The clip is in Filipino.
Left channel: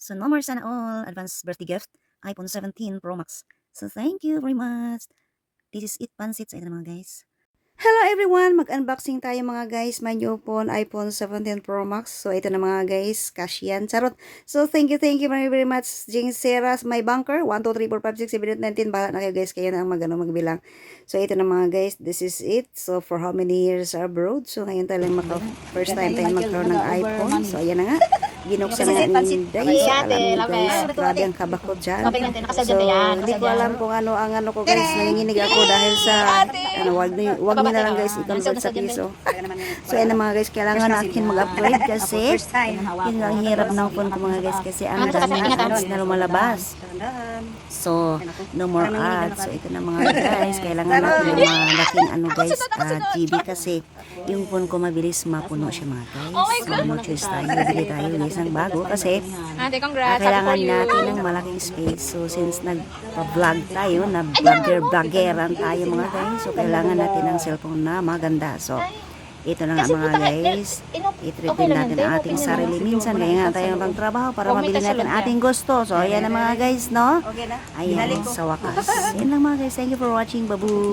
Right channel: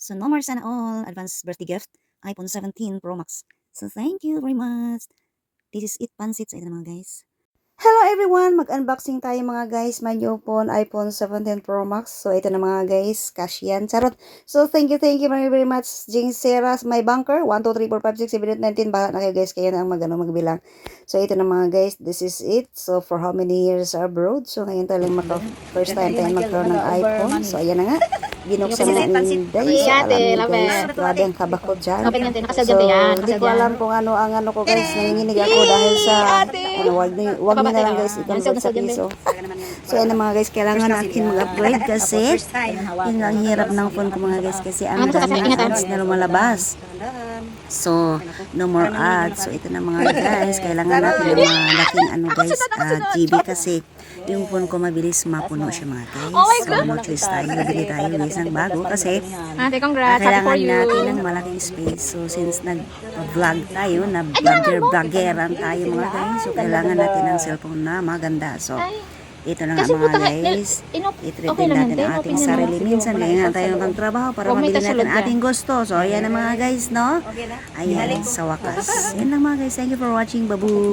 So no more sana all advance birthday gift, iPhone 17 Pro Max. So thank you very much. This is it pansit sa ito mga guys. Hello everyone! Mag-unboxing tayo mga guys. My new phone, iPhone 17 Pro Max. So ito na mga guys. Cash yan. Charot. So thank you very much. Jing Seras, my banker. 1, 2, 3, 4, 5, 6, 7, 8, 19. Bahala na kayo guys. Kayo na ang magbilang. So ito na mga guys. This is it. So for how many years abroad? So ngayon tayo lang first time tayo magkaroon ng iPhone. So ayan na nga. Binuksan na nga ni Day. So alam niyo guys. Grabe ang kabakot dyan. So hindi ko alam kung ano ang ano ko guys. Nanginginig ako dahil sa wag niyo na lang guys i-convert sa piso. So yan na mga guys, kailangan natin mag-upgrade kasi yun ang hirap ng phone ko mga guys kasi ang daming ads na lumalabas. So no more ads. So ito na mga guys, kailangan natin ng malaking guys, GB kasi yung phone ko mabilis mapuno siya mga guys. So no choice tayo, bibili tayo guys ng bago kasi kailangan natin ng malaking space. So since nag-vlog tayo, na vloggeran tayo mga guys, so kailangan natin ng cellphone na maganda. So ito na nga mga guys, i-treat din natin ang ating sarili. Minsan kaya nga tayo ng trabaho para mabili natin ating gusto. So ayan na mga guys, no? Ayan, sa wakas. Yan lang mga guys, thank you for watching. Babu!